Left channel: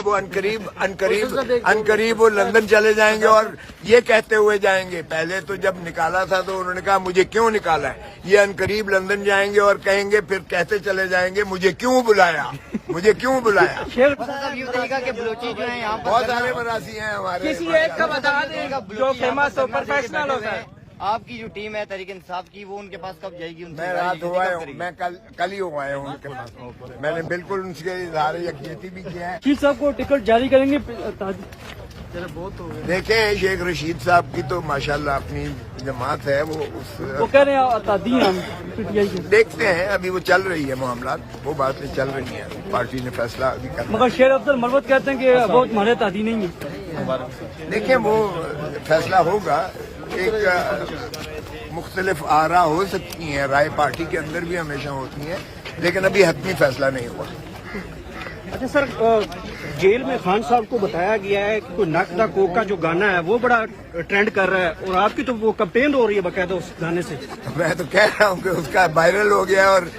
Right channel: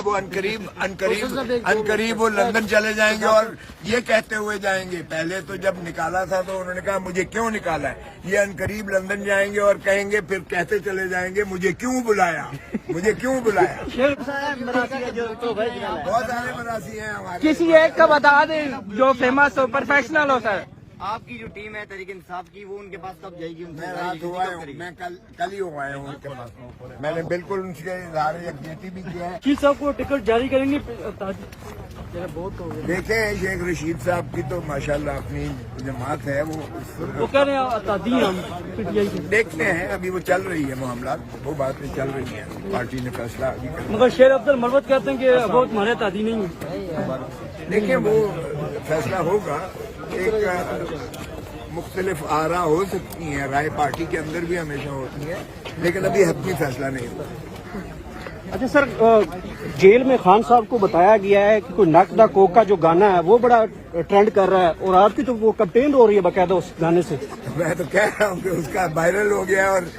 वो अनकरीब वो लंदन चले जाएंगे और ये कहते हुए जाएंगे। पहले तो जब निकाला था तो उन्होंने कहा मुझे क्यों निकाला है। ये अनकरीब लंदन जाएंगे और कहेंगे, फिर कहते चले जाएंगे मुझे क्यों बुलाया, मुझे क्यों बुलाया। बहुत सारे मरासी हैं हमारे। किसी एक का बता दें जो फेमस हो, प्रोफेशनल होगा। आपकी जो टीम है तहरीक इंसाफ की, वो उनके पास कब जाएगी? मैं रात हुआ हूँ, मैं कल ही हुआ हूँ उनके पास। मैंने बिल्कुल उनके इजहार यकजहती भी किया है। किस साहब को टिकट जारी करेंगे? बहुत हो गया। देखें शेख रशीद साहब की तो माशाल्लाह अपनी जमात है, वो कह रहे हैं देखते हैं। अभी वो चल रही है मामला, वो बातें चल रही हैं, पार्टी ने फैसला अभी करना। मगर शेर अब्दुल मरवत कहते हैं कि बहुत हमारे तादी नहीं है। देखें वो फैसला होगा। एक मुख्तलिफ आरा हो सकती हैं, राय पार्टी के अंदर भी हमेशा होती है, लेकिन अभी हतमी फैसला नहीं हुआ। अच्छा सर, जेल में खान साहब को बताया गया है कि कोई नक दा कोका जो गाना है वो बड़ा ट्रेंड कर रहा है और आपकी तो वो कैंपेन हो रही है बाकायदा उस गाने से। मैं तो कह रहा हूँ कि उसका वायरल हो गया और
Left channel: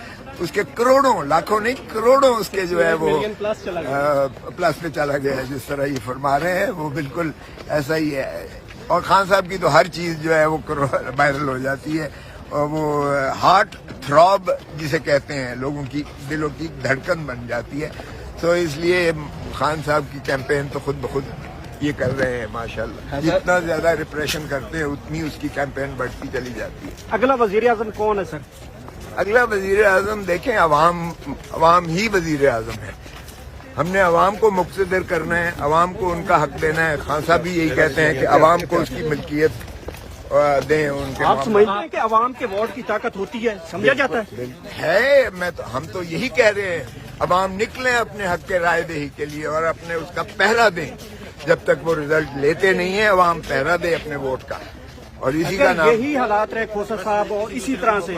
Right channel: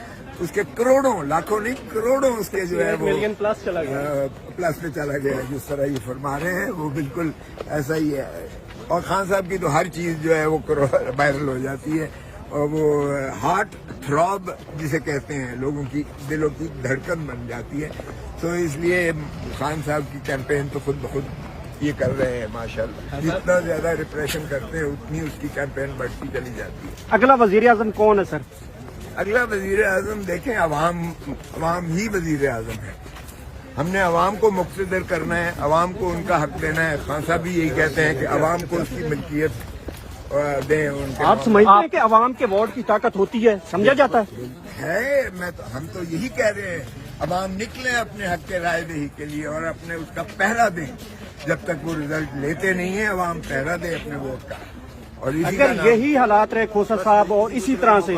उसके करोड़ों, लाखों नहीं करोड़ों उसके जो है वो प्लस चला गया, प्लस पे चला गया। जिस तरह ये फरमा रहे हैं वो बिल्कुल ऐसा ही है। और खान साहब की तो हर चीज जो है वो वायरल हो जाती है और वो हार्ट थ्रॉब जिसे कहते हैं, लोगों की दिलों की धड़कन बन जाती है। तो इसलिए खान साहब की कैंपेन तो खुद ब खुद ये कर रहे हैं माशाल्लाह। जितना ज्यादा रिप्रेशन करते हैं उतनी उसकी कैंपेन बढ़ती चली जाती है। अगला वजीर आजम कौन है सर? अगला वजीर आजम देखें, अवाम ही वजीर आजम है। हमने अवाम को मुक़्तदर करना है, अवाम को उनका हक देना है। खान साहब भी यही कहते हैं कि अवाम को उसकी मिल्कियत दें। उनके आप समझते हैं कि अवाम के वोट की ताकत होती है, समझा जाता है। हम तो यही कह रहे हैं, अवाम निकले अपने हक के राय दही के लिए और अपने उसका पहरा दें। जब तक वो रिजल्ट लेते नहीं है, अवाम पहरा दे अपने वोट का। और इसी का नाम, यही हालात रहे खोसर साहब, और इसी तरह से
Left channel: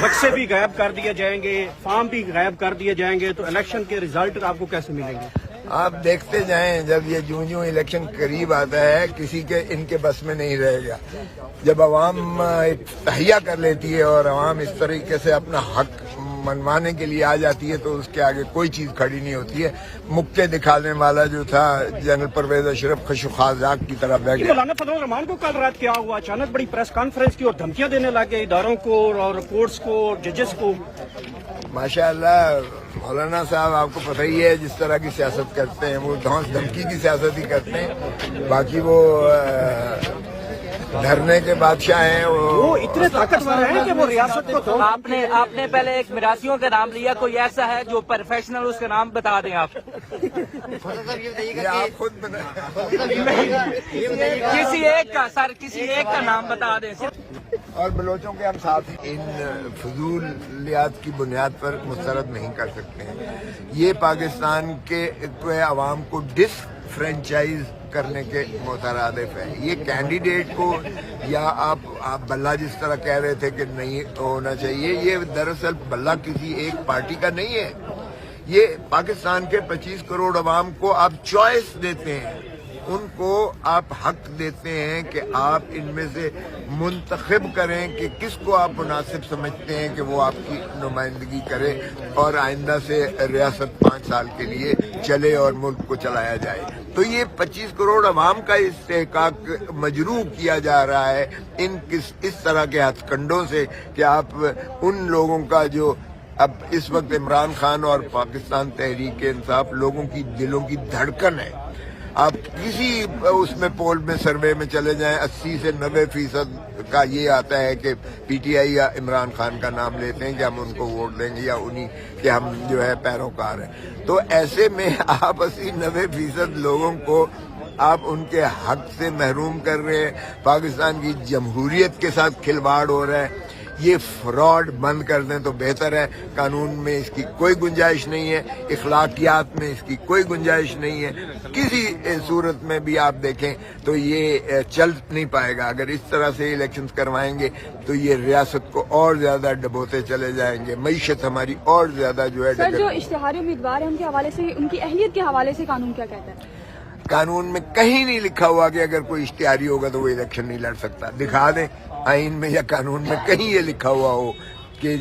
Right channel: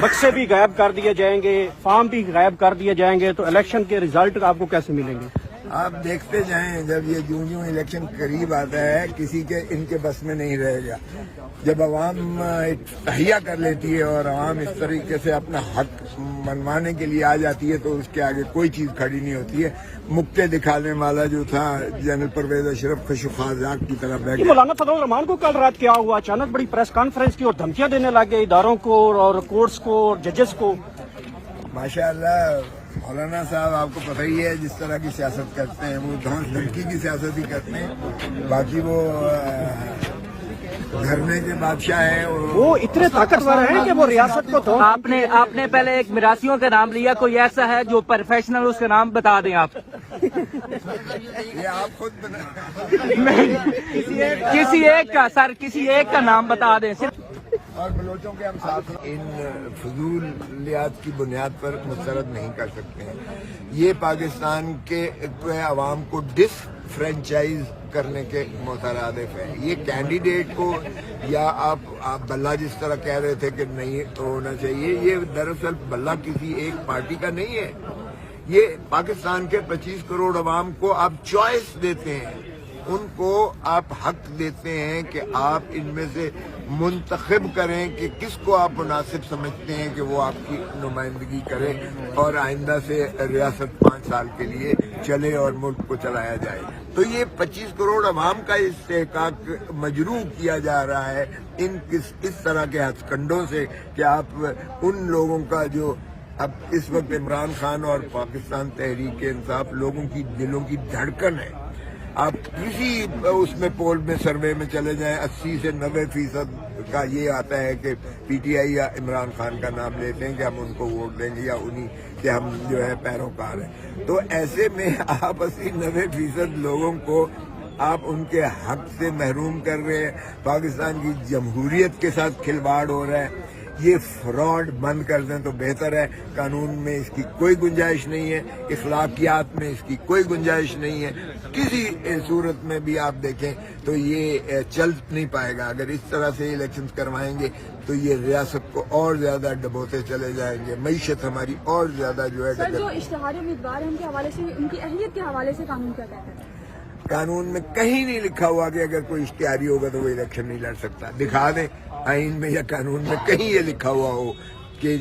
बक्से भी गायब कर दिए जाएंगे, फॉर्म भी गायब कर दिए जाएंगे, तो इलेक्शन के रिजल्ट आपको कैसे मिलेंगे? आप देखते जाएं। जब ये जूं इलेक्शन करीब आता है, किसी के इनके बस में नहीं रहेगा। जब अवाम तहिया कर लेती है और अवाम इस तरीके से अपना हक मनवाने के लिए आ जाती है, तो उसके आगे कोई चीज खड़ी नहीं होती है। मुक्के दिखाने वाला जो था जनरल परवेज अशरफ खशुखाजाक की तरह बैठ गया। मौलाना फजल रहमान को कल रात क्या हुआ? अचानक बड़ी प्रेस कॉन्फ्रेंस की और धमकियां देने लगे इदारों को और कोर्ट्स को और जजेस को। माशाअल्लाह मौलाना साहब, आपको पता ही है जिस तरह की सियासत करते हैं, वो धौंस धमकी की सियासत ही करते हैं। बाकी वो धरने के बादशाह हैं। वो इतने ताकतवर हैं कि वो रियासत को आपने पहले एक मिरासियों का नाम लिया, कोई ऐसा है जो प्रोफेशनल, उसका नाम बता दें आप। ये आप खुद बना किसी एक का सर, किसी एक का नाम बता दें। और बलोचों के हम साथ इन फजूलियात की बुनियाद पर मुस्तरद नहीं कर सकते हैं। ये पाकिस्तान के अवाम को डिसफ्रेंचाइज करने के मुतरादिफ है। ये कैंडिडेट को या आप बल्ला जिस तरह कह रहे थे कि नहीं तो होना चाहिए, ये दरअसल बल्ला किसी एक पार्टी का नहीं है। ये पाकिस्तान के 25 करोड़ अवाम को आप चॉइस देते हैं, उनको आप हक देते हैं कि आप इनमें से मुंतखब करें कि किसको आप मुनासिब समझते हैं कि वो आपकी नुमाइंदगी करे और आइंदा से रियासत 5 साल के लिए चले और मुल्क को चलाया जाए। तो ये 25 करोड़ अवाम का इस्तेहकाक मजरूह किया जा रहा है इस तरह के हथकंडों से कि आप उन लोगों का जो अब इस वक्त इमरान खान और पाकिस्तान तहरीक इंसाफ लोगों की दिलों की धड़कन है। आप किसी उसमें पोल में सर्वे में चले जाएं, 80 से 90% का ये आता है कि पीटीआई या इमरान खान का नाम लेते हैं कि हम उनको वोट देंगे या उन्हीं के हम जो है पैरोकार हैं। तो ऐसे में आप 80-90% लोगों को आप उनके हक से महरूम कर रहे हैं। पाकिस्तान की जमहूरियत के साथ खिलवाड़ हो रहा है। ये फ्रॉड बंद कर दें तो बेहतर है। कानून में इसकी कोई गुंजाइश नहीं है, इखलाकियात में इसकी कोई गुंजाइश नहीं है। किसी सूरत में भी आप देखें तो ये चल नहीं पाएगा। अगर इस तरह से इलेक्शंस करवाएंगे तो ये रियासत को और ज्यादा डबोते चले जाएंगे, मईशत हमारी और ज्यादा जो है। सर, जो इश्तिहारी उम्मीदवार है उनके हवाले से, उनकी अहलियत के हवाले से कानून क्या कहता है? कानून में कहीं नहीं लिखा हुआ कि अगर कोई इश्तिहारी होगा तो वो इलेक्शन नहीं लड़ सकता। दिखा दें आइन में या कानून में कहीं ये लिखा हुआ हो کہ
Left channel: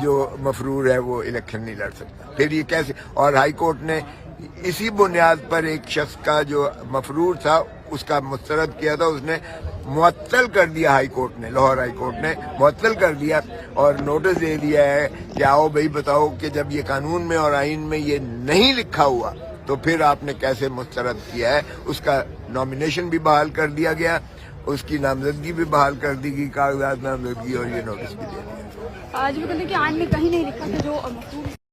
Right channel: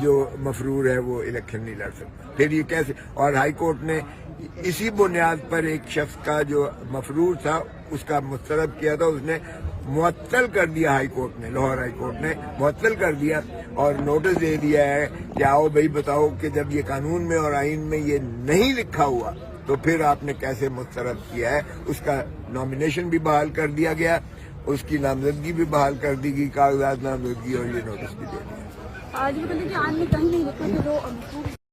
جو مفرور ہے وہ الیکشن نہیں لڑ سکتا. پھر یہ کیسے؟ اور ہائی کورٹ نے اسی بنیاد پر ایک شخص کا جو مفرور تھا اس کا مسترد کیا تھا، اس نے معطل کر دیا. ہائی کورٹ نے، لاہور ہائی کورٹ نے معطل کر دیا اور نوٹس دے دیا ہے کہ آؤ بھائی بتاؤ کہ جب یہ قانون میں اور آئین میں یہ نہیں لکھا ہوا تو پھر آپ نے کیسے مسترد کیا ہے. اس کا نامینیشن بھی بحال کر دیا گیا، اس کی نامزدگی بھی بحال کر دی گئی، کاغذات نامزدگی، اور یہ نوٹس بھی دے دیا. آج بھی کہتے ہیں کہ آئین میں کہیں نہیں لکھا کہ جو مفروض